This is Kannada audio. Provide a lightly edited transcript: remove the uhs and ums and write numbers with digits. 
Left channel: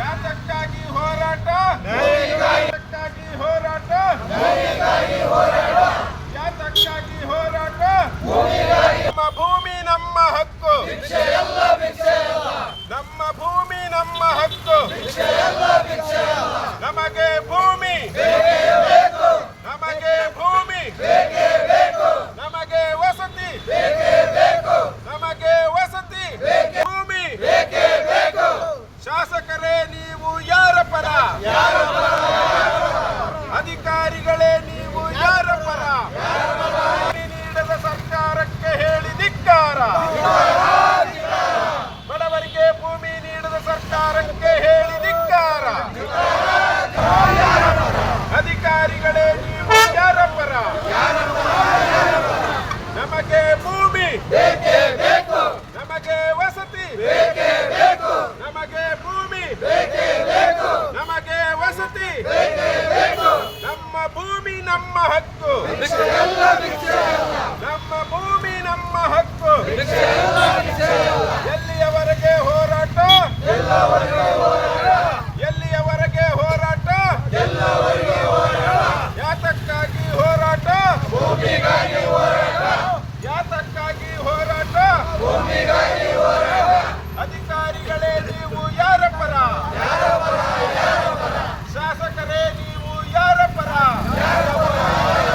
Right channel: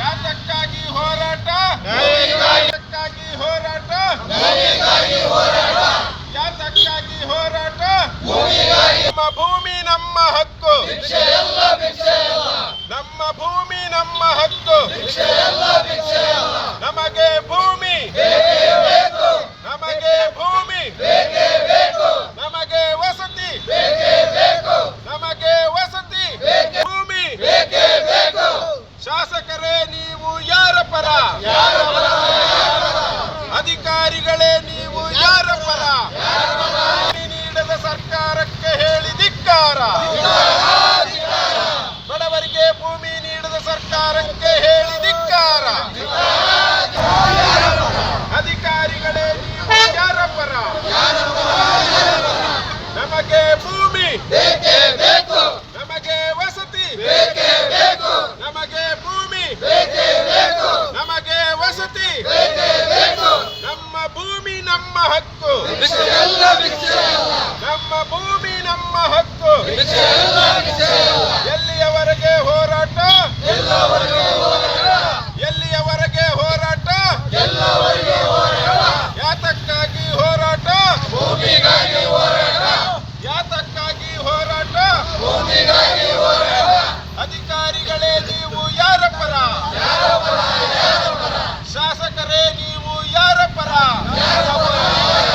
ಯಾತಕ್ಕಾಗಿ ಹೋರಾಟ? ಯಾತಕ್ಕಾಗಿ ಹೋರಾಟ? ಯಾತಕ್ಕಾಗಿ ಹೋರಾಟ? ನಮ್ಮ ಭೂಮಿ ನಮ್ಮ ಹಕ್ಕು, ನಮ್ಮ ಭೂಮಿ ನಮ್ಮ ಹಕ್ಕು, ನಮಗೆ ಭೂಮಿ, ನಮಗೆ ಭೂಮಿ, ನಮಗೆ ವಸತಿ, ನಮಗೆ ವಸತಿ, ಭೂಮಿ. ಶಾಸಕರೇ, ನೀವು ಯಾರ ಪರ? ಅಧಿಕಾರಿಗಳೇ, ನೀವು ಯಾರ ಪರ? ನೀಡದ ಸರ್ಕಾರಕ್ಕೆ ಹೇಳಿ ಧಿಕ್ಕಾರ. ಬಡವರಿಗೆ ಭೂಮಿ ನೀಡದ ಸರ್ಕಾರಕ್ಕೆ ಹೇಳಿ ಧಿಕ್ಕಾರ. ಅಧಿಕಾರಿಗಳೇ, ನೀವು ಯಾರ ಪರ? ನಮಗೆ ಭೂಮಿ, ನಮಗೆ ವಸತಿ, ನಮಗೆ ಭೂಮಿ, ನಮಗೆ ವಸತಿ, ನಮ್ಮ ಭೂಮಿ ನಮ್ಮ ಹಕ್ಕು, ನಮ್ಮ ಭೂಮಿ ನಮ್ಮ ಹಕ್ಕು.